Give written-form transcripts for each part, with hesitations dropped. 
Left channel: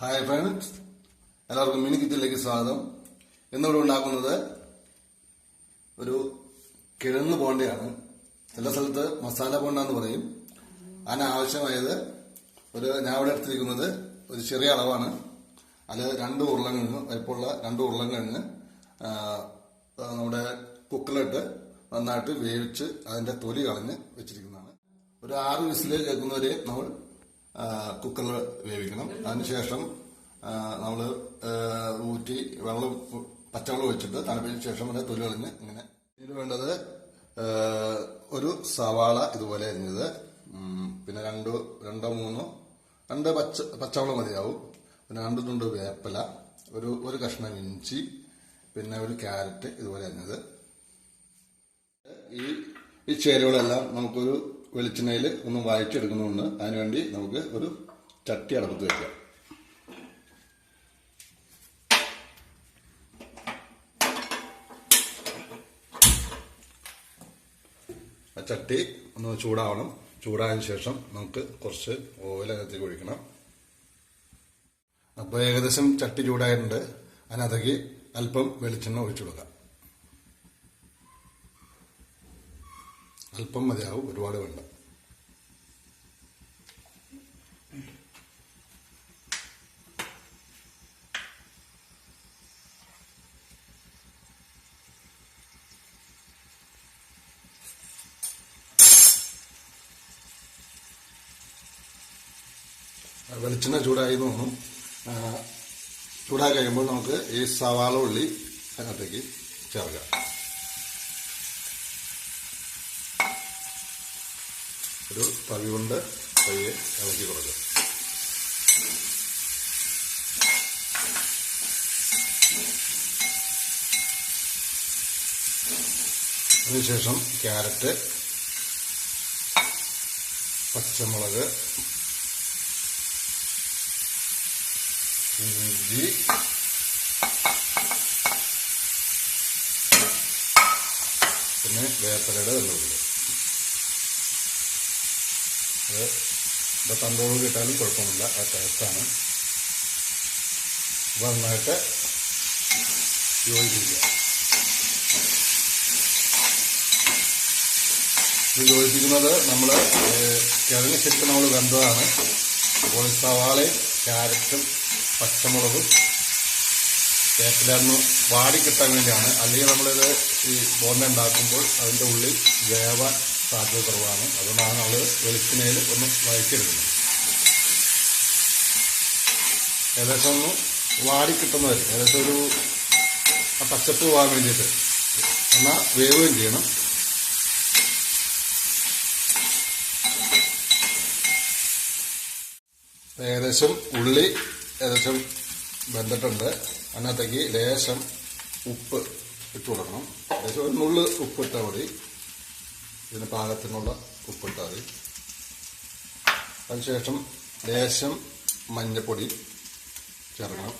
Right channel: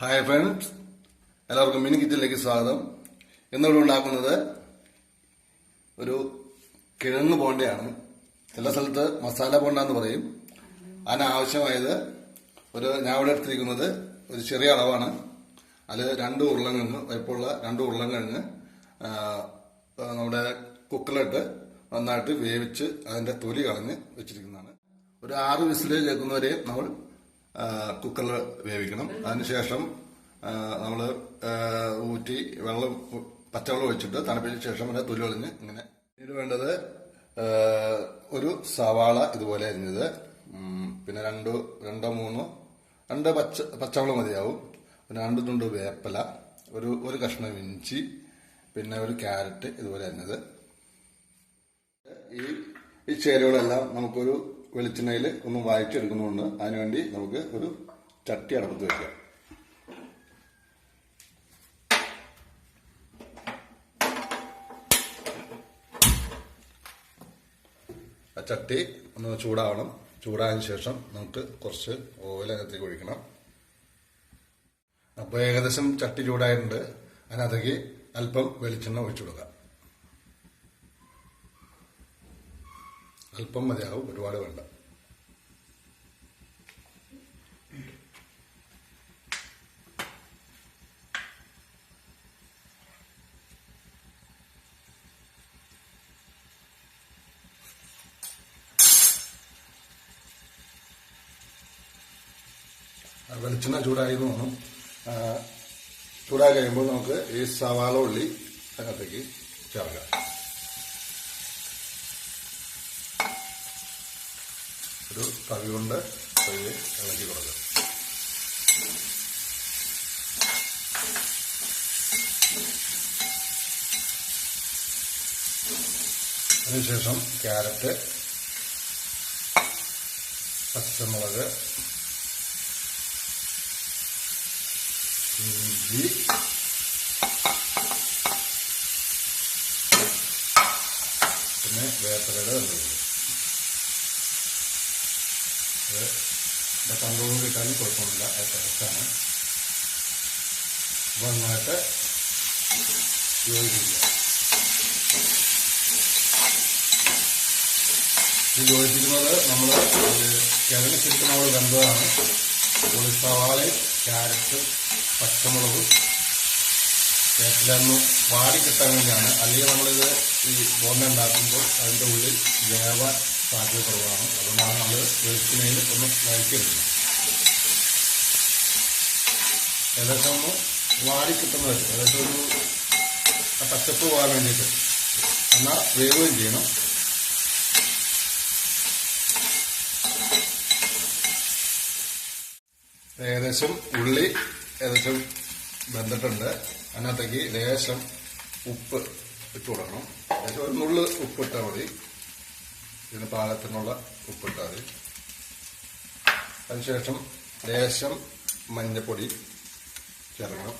Hi friends, എല്ലാവർക്കും mini കിച്ചണിലേക്ക് സ്വാഗതം. ഇന്നിവിടെ ഉണ്ടാക്കുന്നത് ഒരു കിഴങ്ങ് ബോണ്ടയാണ്. ചില സ്ഥലത്ത് മസാല ബോണ്ട എന്ന് പറയും. അതിനാവശ്യമായത് ഞാൻ ഇവിടെ എടുത്തിരിക്കുന്നത് ഒരു ചെറിയ അളവാണ്. അത് 2 ഉരുളക്കിഴങ്ങ്, വലിപ്പമുള്ള 2 ഉരുളക്കിഴങ്ങ് നമ്മുടെ കുക്കറിലിട്ട് നന്നായിട്ട് വേവിച്ച് അതിന്റെ തൊലി കളഞ്ഞ് വെച്ചിരിക്കുന്നതാണ്. ഒരു 6 വിസിൽ കേൾക്കുന്നവരെ നമ്മൾ കുക്കറിൽ വേവിക്കണം. അതിനുശേഷം നമ്മൾ ഊറ്റി പച്ചവെള്ളം ഒഴിച്ചിട്ട് തണുപ്പിച്ച ശേഷം അതിന്റെ തൊലി കളഞ്ഞ് ഇങ്ങനെ. ഇതിന് വേണ്ടത് ഒരു സവാള ഇതുപോലെ അരിഞ്ഞത്, പിന്നെ 2 പച്ചവെള്ളം മതിയാവും, പിന്നെ 2 തുണ്ട് വേപ്പില, ഒരു കഷ്ണം ഇഞ്ചി, പിന്നെ ഒരു ക്യാരറ്റ് ഇതുപോലെ അരിഞ്ഞത്. ഈ ചേരുവകളെല്ലാം നമുക്കൊരു വെളിച്ചെണ്ണയിൽ ഒന്ന് വഴച്ചെടുക്കുന്നുണ്ട്. അതിനുവേണ്ടി നമുക്ക് ഒരു ചട്ടി അടുപ്പത്ത് വെക്കാം. ആ ചട്ടി ഒന്ന് ചൂടാവണം. ചൂടായതിനു ശേഷം നമുക്ക് കുറച്ച് ഓയിൽ അകത്തേക്ക് ഒഴിക്കണം. അപ്പോൾ ഏകദേശം ചട്ടി ചൂടായിട്ടുണ്ട്. അതിനകത്തേക്ക് അല്പം വെളിച്ചെണ്ണ ഒഴിച്ചു കൊടുക്കാം. അല്പം മതിയാവും, ഒരുപാട് വേണ്ട. വെളിച്ചെണ്ണ ചൂടായി തോന്നും. ചൂടായി കഴിയുമ്പോൾ നമുക്ക് ഈ സവാള ഉള്ളി അതിനകത്തേക്ക് ചേർക്കാം. ഒരു തവി കൊണ്ട് പയ്യെ ഇളക്കി കൊടുക്കുക. അതിനുശേഷം ക്യാരറ്റ്, പച്ചമുളക്, ഇഞ്ചി, പിന്നെ വേപ്പിലയുടെ വെള്ളമുണ്ട്. തന്തോളം കിട്ടാനും കുഴപ്പമില്ല, അത് ടേസ്റ്റാണ്. നന്നായിട്ട് യോജിപ്പിക്കുക. ഇത് യോജിപ്പിക്കുന്നത് നമ്മൾ കിഴങ്ങ് ശരിക്കും നമ്മൾ വെന്തതാണ്. അപ്പോൾ സവാളയും ക്യാരറ്റും പച്ചമുളകും വേപ്പിലൊന്ന് വാടിക്കിട്ടാൻ വേണ്ടിയാണ്. അല്ലെങ്കിൽ നമ്മളിത് ഈ ബോണ്ട ഉണ്ടാക്കുമ്പോൾ അതിൻ്റെ ഉള്ളിൽ വേവാൻ സാധ്യത കുറവാണ്. അതുകൊണ്ടാണ് നമ്മൾ വെളിച്ചെണ്ണയിൽ ഒന്ന് വഴറ്റിയെടുക്കുന്നത്. ഏകദേശം ഒന്ന് വാടിക്കിട്ടുന്നത്, ഏകദേശം ഒരു പച്ചപ്പ് പോകാൻ വേണ്ടിയിട്ട്. എന്നാൽ വേവുകയും ചെയ്യണം. ഏകദേശം ഉള്ളി വെന്തിട്ടുണ്ട്. അതിനകത്തേക്ക് ലേശം ഉപ്പ് ഇട്ട് കൊടുക്കണം. ഏകദേശം ഒരു നുള്ള് ഉപ്പിട്ടാൽ മതി. ഇതിന് പാകത്തിനുള്ള ഉപ്പിട്ടാൽ മതി. അതിനുശേഷം ലേശം മഞ്ഞപ്പൊടി ചേർക്കണം.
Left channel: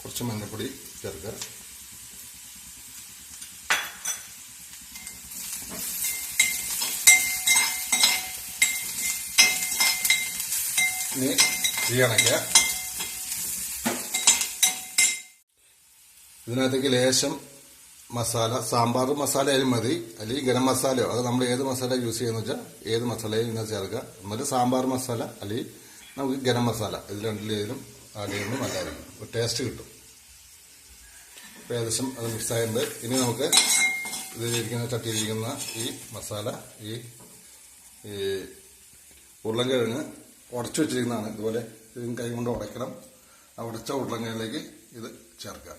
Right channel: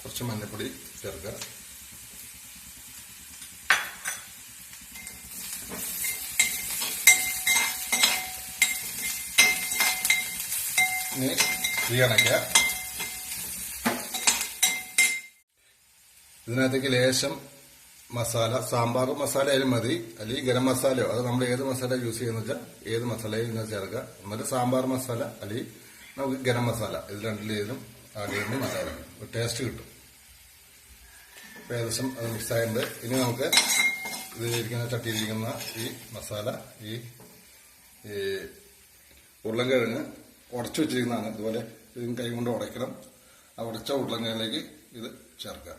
കുറച്ച് മഞ്ഞപ്പൊടി ചേർക്കുക. ഇനി തീ അണയ്ക്കുക. ഇതിനകത്തേക്ക് ലേശം മസാല, സാമ്പാർ മസാല ആയാലും മതി, അല്ലെങ്കിൽ ഗരം മസാലയോ, അത് നമ്മൾ ഏത് മസാല യൂസ് ചെയ്യുന്ന വെച്ചാൽ ഏത് മസാലയും ഇങ്ങനെ ചേർക്കുക. എന്നിട്ട് സാമ്പാർ മസാല അല്ലെങ്കിൽ നമുക്ക് ഗരം മസാല, ഇത് രണ്ടിലേതിലും ആഡ് ചെയ്യുമ്പോൾ നല്ലതാണ്, ഒരു ടേസ്റ്റ് കിട്ടും. അപ്പോൾ ഏകദേശം അത് മിക്സായിട്ടുണ്ട്. ഇനി നമുക്ക് ഇതിലിരിക്കുന്ന ചട്ടിയിരിക്കുന്ന ഈ മസാല, ഈ ഉരുളക്കിഴങ്ങ് ഉടച്ചു വെച്ചിരിക്കുന്നതാണ്. ഇതുപോലെ കൈ കൊണ്ട് ഉടയ്ക്കണം. ആ ഉടച്ച ഉരുളക്കിഴങ്ങിലേക്ക് ഇത് ചേർക്കാം.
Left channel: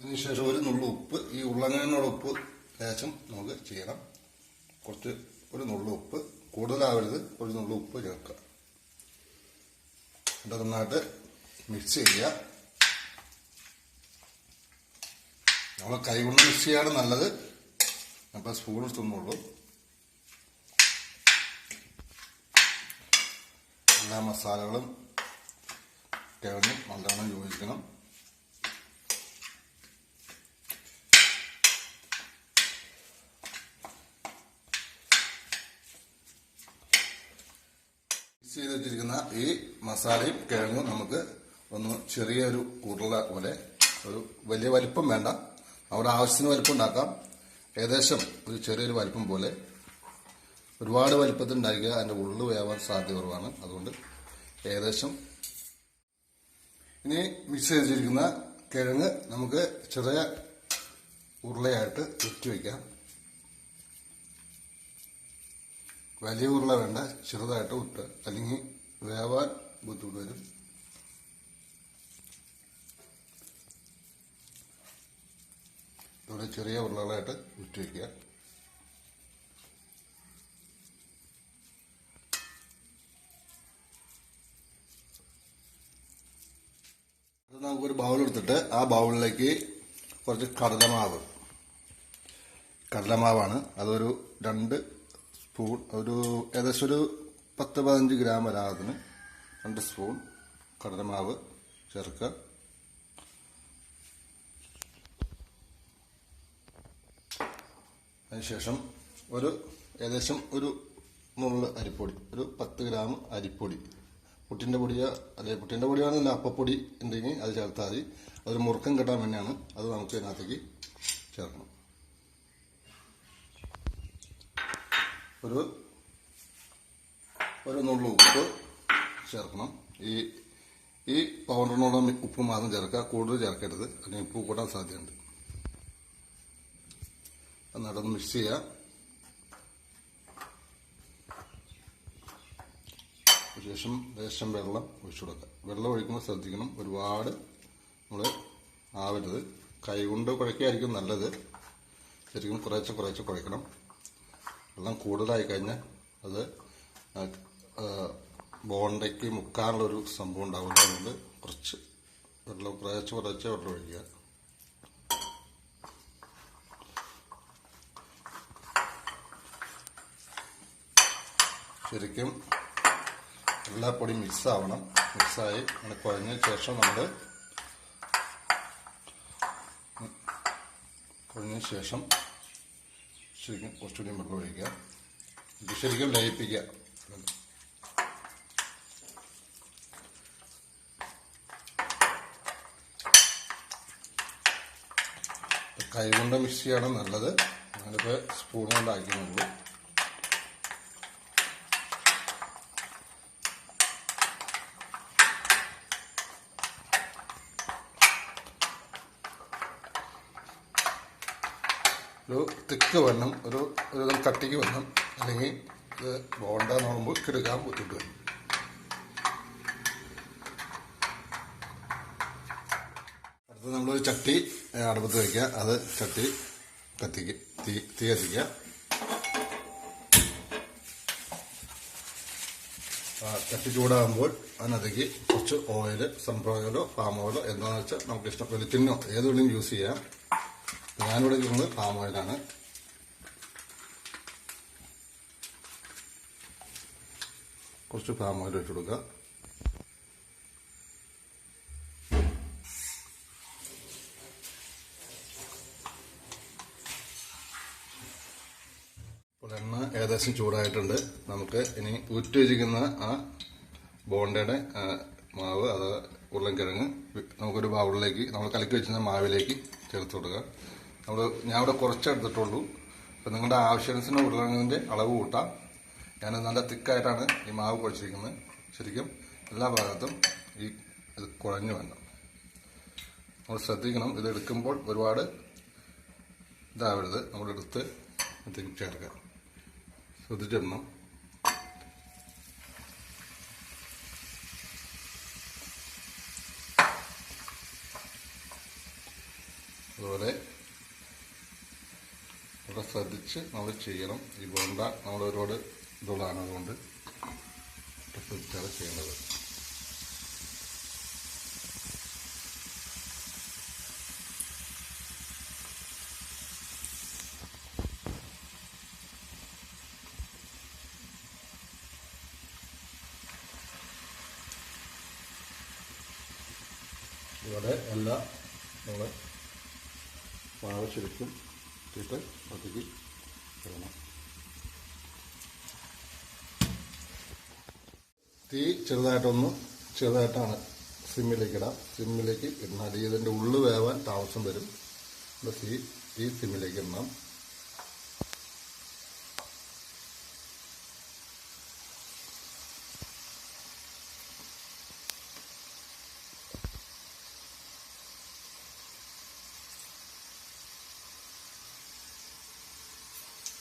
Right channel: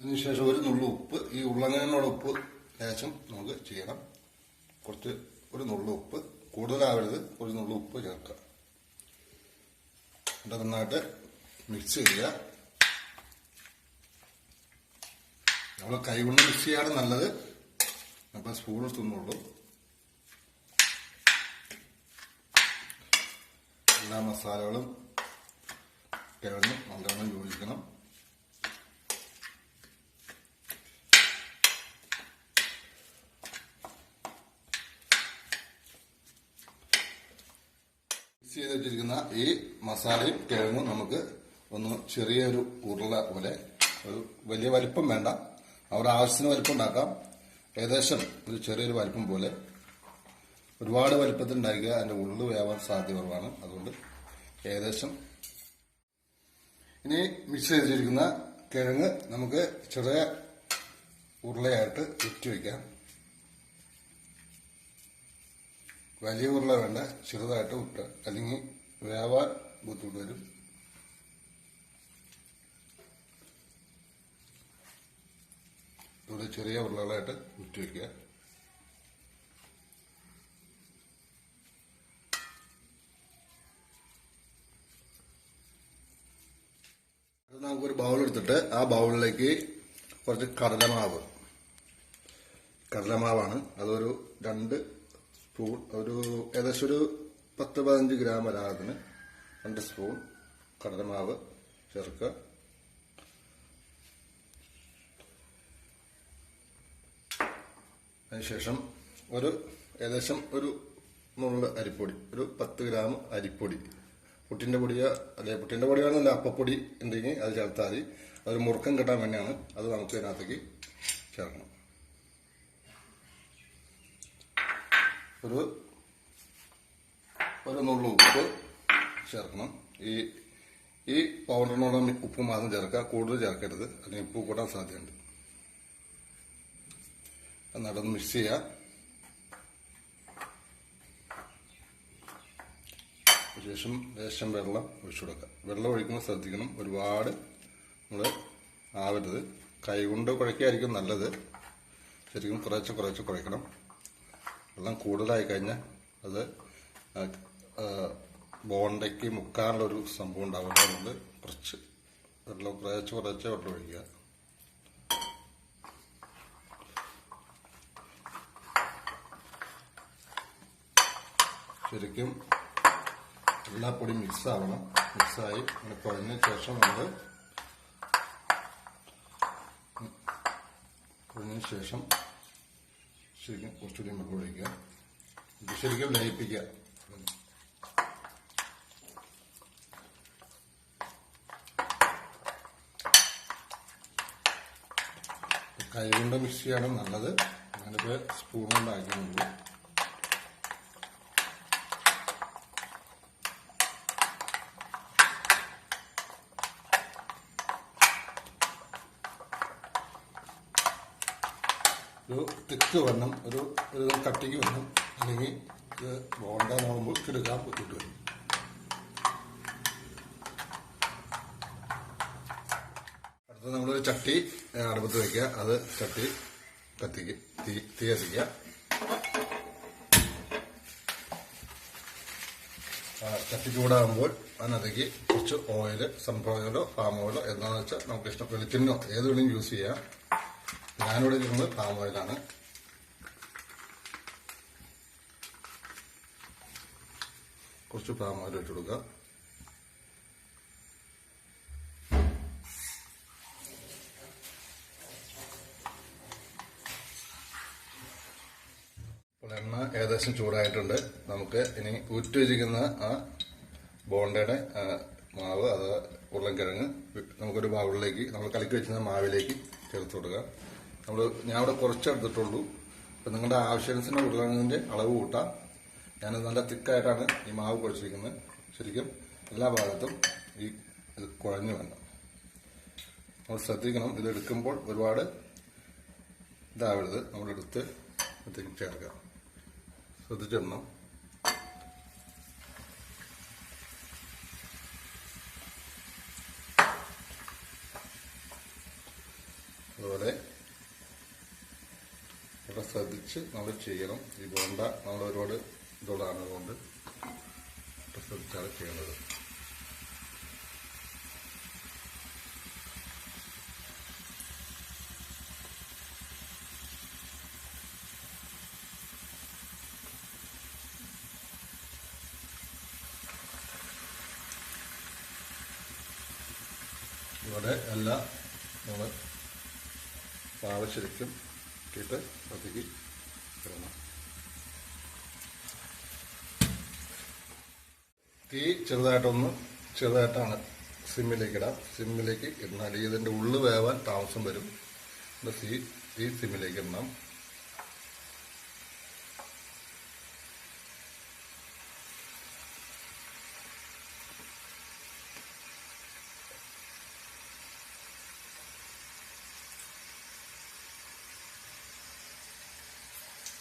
ഇതിനുശേഷം ഒരു നുള്ളു ഉപ്പ്, ഈ ഉരുളക്കിഴങ്ങിനോട് ഉപ്പ് ലേശം നമുക്ക് ചെയ്യണം. ഒരു നുള്ളു ഉപ്പ്, കൂടുതലാവരുത്, ഒരു നുള്ളു ഉപ്പ് ചേർക്കുക. എന്നിട്ട് നന്നായിട്ട് മിക്സ് ചെയ്യുക. നമ്മൾ കൈ കൊണ്ട് മിക്സ് ചെയ്യാണ് നല്ലത്. അപ്പം സ്പൂൺ എടുത്തുന്നുള്ളൂ. എല്ലാ മസാലകളും കിഴങ്ങും നല്ലോണം യോജിക്കണം. വെച്ചിരിക്കുന്ന ഈ മസാലയും കിഴങ്ങും നമുക്ക് ഒന്ന് ചെറിയൊരു ഉരുള പോലെ, ഒരു വലിയ വലിപ്പം വേണ്ട, അവിടെ ആവശ്യത്തിന് വലിപ്പം ഉണ്ടാക്കാം. ഏകദേശം ഒരു ചെറിയൊരു വലിപ്പം പോലെ. ഒരുപാട് വലിപ്പത്തിൽ ഉണ്ടാക്കുക അതിൻ്റെ ഉള്ളു വേവാൻ സാധ്യത കുറവാണ്. അതുകൊണ്ട് ഏകദേശം. ഇനി മിക്സ് ചെയ്തിരിക്കുന്ന കിഴങ്ങ് നമുക്ക് ചെറിയ ഉരുളയായിട്ട് ഉറ്റി വയ്ക്കാം. വലിയ ഉരുള വേണ്ട, ചെറുതായിട്ട് ഉട്ട്, അല്ലെങ്കിൽ വേവാൻ ബുദ്ധിമുട്ട് വരും. ഇവിടെ ചെറിയ ഉരുളകളായിട്ട് ഉറ്റി വയ്ക്കുക. അത് നമുക്കൊരു ബൗൾ എടുത്തിട്ട് ആ ബൗളിലേക്ക് കുറച്ച് കടലമാവാണ്. അതൊരു 2 സ്പൂൺ, ഏകദേശം ഒരു 10-15 ഗ്രാം വരാതിന് 2 സ്പൂൺ കടലമാവ് ചേർക്കുക. അതിനുശേഷം ഏകദേശം ഒരു നുള്ള് അരിപ്പൊടി, ഒരു 10 ഗ്രാം അരിപ്പൊടി, പുട്ടിൻ്റെ പൊടിയോ അല്ലെങ്കിൽ പുട്ടിൻ്റെ പൊടിയാണെന്നില്ല, അപ്പപ്പൊടി ഉണ്ടെങ്കിൽ അത് ചേർത്താൽ മതി. അതൊരു മുറുക്കം കിട്ടാൻ വേണ്ടിയാണ്. അത് നമുക്ക് ഇതിനകത്തേക്ക് ചേർക്കണം. ഒരു നുള്ളു ഉപ്പ് ചേർക്കണം. ഈ പൗഡറിനോളം ഉപ്പ് മാത്രം ചേർക്കുക, കൂടുതൽ ചേർക്കരുത്, അല്ലെങ്കിൽ ഉപ്പ് കൂടാൻ സാധ്യതയുണ്ട്. എന്നിട്ടൊന്ന് മിക്സ് ചെയ്യുക. ശേഷം ലേശം വെള്ളം ഒഴിച്ചു കൊടുക്കുക. വെള്ളം ഒഴിക്കുമ്പോൾ ശ്രദ്ധിക്കണം, ഒരുപാട് നമ്മൾ ആവരുത്. കൈകൊണ്ട് കുഴക്കുകയായിരിക്കും നല്ലത്. ശരിക്കും കുറേശ്ശെ കുഴക്കണം. വെള്ളം കൂടുതലായി കഴിഞ്ഞാൽ അത് ബോണ്ടയ്ക്ക് മുക്കാനുള്ളൊരു സംഭവം ഉണ്ടാവില്ല. അതുകൊണ്ട് കുറച്ച് വെള്ളം ഒഴിക്കുക. ശരിക്കും എല്ലാ പൊടിയും മിക്സാവണം. മിക്സായി അങ്ങനെ കുഴഞ്ഞ ശേഷം ശരിക്കും കുറച്ചുകൂടി വെള്ളം ഒഴിക്കുക. ഇത് ശരിക്കും ലയിപ്പിക്കുക. കൈ കൊണ്ട് മിക്സ് ചെയ്യണം നല്ലത്. ഞാനിപ്പോൾ സ്പൂൺ കൊണ്ട് ആക്കുന്നുള്ളൂ. ഒരു തിക്ക് വരണം, ഒരു കട്ടിക്ക് വരണം, അല്ലെങ്കിൽ ഇത് ബോണ്ട നോക്കുമ്പോൾ കിടക്കാൻ ബുദ്ധിമുട്ട് വരും. അടുത്ത് നമ്മളൊരു ചട്ടി അടുപ്പത്ത് വയ്ക്കുക. അത് തീ കത്തിക്കുക. ചട്ടി ചൂടാകുമ്പോൾ അതിനകത്തേക്ക് കുറച്ച് ഓയിൽ, സൺഫ്ലവർ ഓയിലോ പാം ഓയിലോ എന്താണെന്ന് വെച്ചാൽ നമുക്ക് ഇഷ്ടം, വെളിച്ചെണ്ണയോ ഏത് വേണമെങ്കിലും യൂസ് ചെയ്യാം. ഞാനിവിടെ ഇരിക്കുന്നത് പാം ഓയിലാണ്. കുറച്ച് പാം ഓയിൽ ഇട്ട് കൊടുക്കുക. ഇപ്പോൾ എണ്ണ ഏകദേശം ചൂടായിട്ടുണ്ട്. നമുക്ക് ഇനി ഊറ്റി വെച്ചിരിക്കുന്ന ആ ബോണ്ടയുടെ മാവ്, അത് ഉരുളൻകിഴങ്ങ് നമുക്കൊരു ബൗളിലേക്ക്, നമ്മൾ കലക്കി വെച്ചിരുന്ന മാവിലേക്ക് ചേർത്ത് കൊടുക്കുക. ഞാൻ ഇവിടെ കുറച്ച് എടുത്തിട്ടുള്ളൂ. അപ്പം നിങ്ങളുടെ ആവശ്യാനുസരണം ഉരുളക്കിഴങ്ങിൻ്റെ അളവ് കൂട്ടാം. ഞാൻ നല്ല തിക്കായിട്ടാണ് ഈ മാവ് കുഴച്ചിരിക്കുന്നത്. ശരിക്കും എല്ലാ ഭാഗത്തും ഇത് കുഴഞ്ഞു വേണം. നമ്മൾ ശ്രദ്ധിക്കണം, ഇത് എടുക്കുമ്പോൾ ഒരുപാട് ഇതാവരുത്. നമ്മളെടുത്ത് ചേർക്കുക. ശ്രദ്ധിച്ചിടണം. അതുപോലെ ഇവിടെ ശ്രദ്ധിച്ച് നമ്മൾ ചെയ്യണം. ഈ ബോണ്ട നമ്മൾ ഒരുപാട് ഇതുള്ളതാണ്, അതുകൊണ്ട് ശ്രദ്ധിച്ചാണ് ചെയ്യുന്നത്. ഇവിടെ എല്ലാം നമ്മൾ മാവ് ശരിക്കും ഇട്ട് അതിലേക്ക് ഇടണം. തീ തീ ചെറുതായിട്ടാണ് സിമ്മിലേക്ക് ഇടാം. സിമ്മിലേക്ക് ഇടണം, ഇതിൻ്റെ ഉള്ളു വേവാൻ താമസം വരും. തീ സിമ്മിലേക്ക് ഇടണം.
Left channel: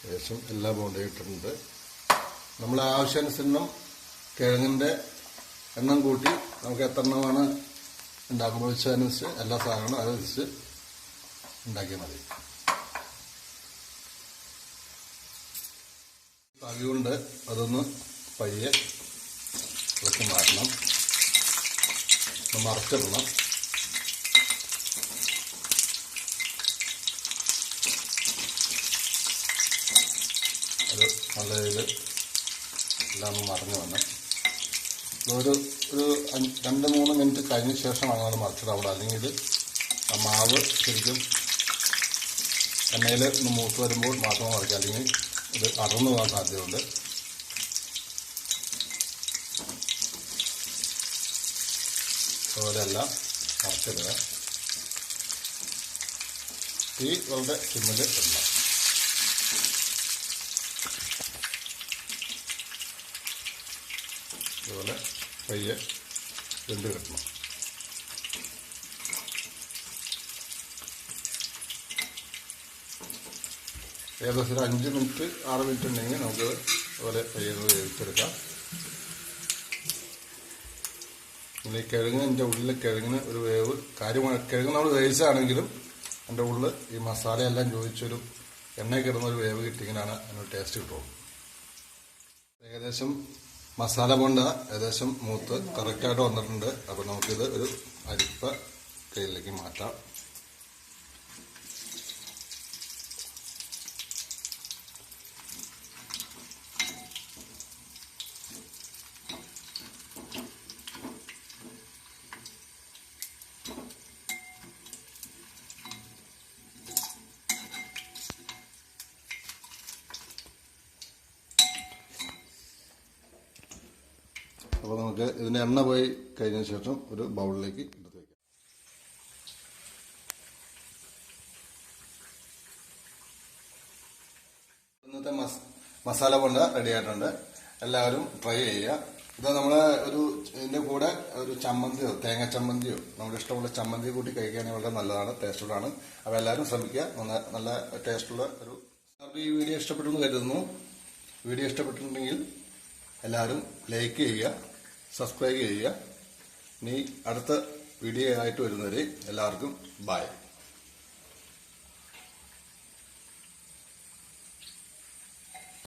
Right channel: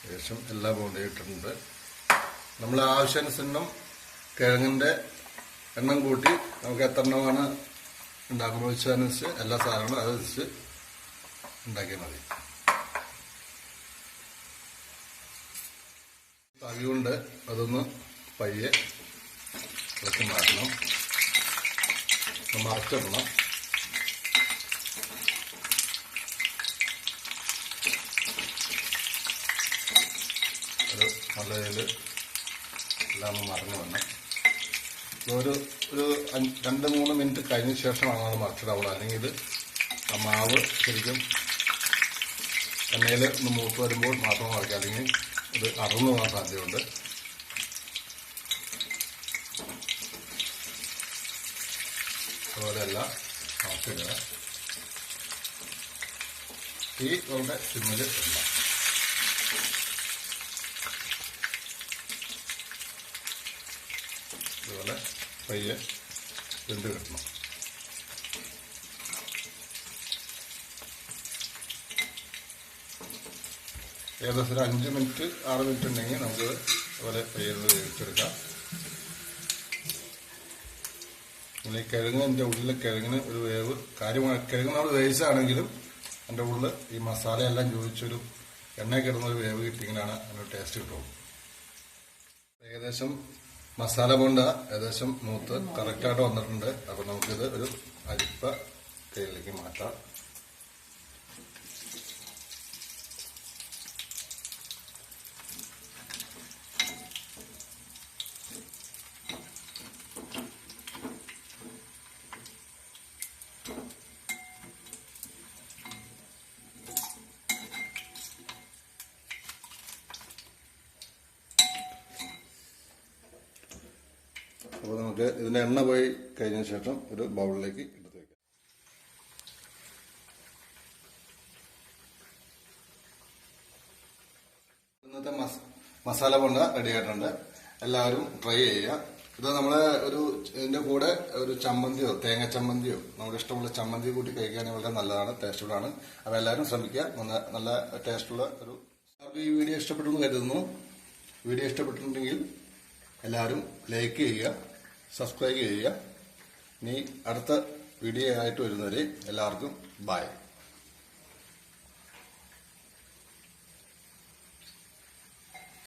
ഏകദേശം എല്ലാ ബോണ്ടയും ഇട്ടിട്ടുണ്ട്. നമ്മൾ ആവശ്യാനുസരണം കിഴങ്ങിൻ്റെ എണ്ണം കൂട്ടി നമുക്ക് എത്ര എണ്ണമാണ് ഉണ്ടാക്കുന്നത് വെച്ചതനുസരിച്ച് എല്ലാ സാധനങ്ങളും അതനുസരിച്ച് ഉണ്ടാക്കിയാൽ മതി. തവി കൊണ്ട് അതൊന്ന് പയ്യെ ഇളക്കി മാറ്റണം, മറച്ചിടണം. അത് നല്ല രീതിയിൽ എല്ലാം മറിഞ്ഞു വന്നു. ഒരു 2-3 മിനിറ്റ് കഴിഞ്ഞ ശേഷമാണ് അത് മറിച്ചിടാവുള്ളൂ. അല്ലെങ്കിൽ ഇത് ആ മാവ് ശരിക്കും എണ്ണയിൽ ഒന്ന് മൂത്ത് വരുമ്പോൾ മാത്രം മറിക്കുക, അല്ലെങ്കിൽ ഇത് അടർന്നു പോകാൻ സാധ്യതയുണ്ട്. അതുപോലെ എല്ലാം മറിച്ചിടുക. തീ വളരെ സിമ്മിൽ ഇടണം. അതുപോലെ പയ്യെ വെന്ത് കിട്ടണം. ഏകദേശം ഒരു 5 മിനിറ്റ് 6 മിനിറ്റ് ഉണ്ടെങ്കിൽ നമുക്ക് അതുപോലെ പയ്യെ വേവിച്ചെടുക്കാം. ഈ കിഴങ്ങിൻ്റെ ഉള്ളിലെ കിഴങ്ങിന് ഒരു വേവ് കാര്യമായി, കിഴങ്ങ് നമ്മൾ വേവിച്ചാണെങ്കിലും അതിൻ്റെ ഉള്ളിൽ ഈ മസാലയെല്ലാം ചോദിച്ചൊരു എണ്ണ കിടന്നൊരു വേവ് കിട്ടിയെങ്കിലാണ് അതിനൊരു ടേസ്റ്റ് കിട്ടുള്ളൂ. ഏകദേശം മസാല ബോണ്ട ഏകദേശം മൂത്ത് കറക്റ്റായിട്ട് വന്നിട്ടുണ്ട്. അപ്പോൾ നമുക്കിത് ഒരു അരിപ്പ കയ്യിലേക്ക് മാറ്റാം. അപ്പോൾ നമുക്ക് ഇതിൻ്റെ എണ്ണ പോയി കഴിഞ്ഞ ശേഷം ഒരു ബൗളിലേക്ക് എടുത്ത് വയ്ക്കാം. ഇന്നത്തെ മസാല ബോണ്ട റെഡി ആയിട്ടുണ്ട്. എല്ലാവരും ട്രൈ ചെയ്യുക. ഇത് നമ്മള് ഇതിന്റെ കൂടെ ഒരു ചമ്മന്തിയോ തേങ്ങ ചമ്മന്തിയോ നമുക്ക് ഇഷ്ടമുള്ള ചമ്മന്തി കൂട്ടി കഴിക്കുകയാണെങ്കിൽ വളരെ നല്ലതാണ്, ടേസ്റ്റുള്ളതാണ്. അപ്പോൾ എല്ലാവരും ശ്രമിക്കുക. നല്ല ടേസ്റ്റുള്ള എല്ലാവർക്കും ഈ വീഡിയോ ഇഷ്ടപ്പെട്ടെന്ന് കരുതുന്നു. വീഡിയോ ഇഷ്ടപ്പെട്ടിട്ടുണ്ടെങ്കിൽ എല്ലാവരും ലൈക്ക് ചെയ്യുക, സബ്സ്ക്രൈബ് ചെയ്യുക. ഇനി അടുത്ത വീഡിയോ ആയിട്ട് വരുന്നവരെ എല്ലാവർക്കും ബൈ.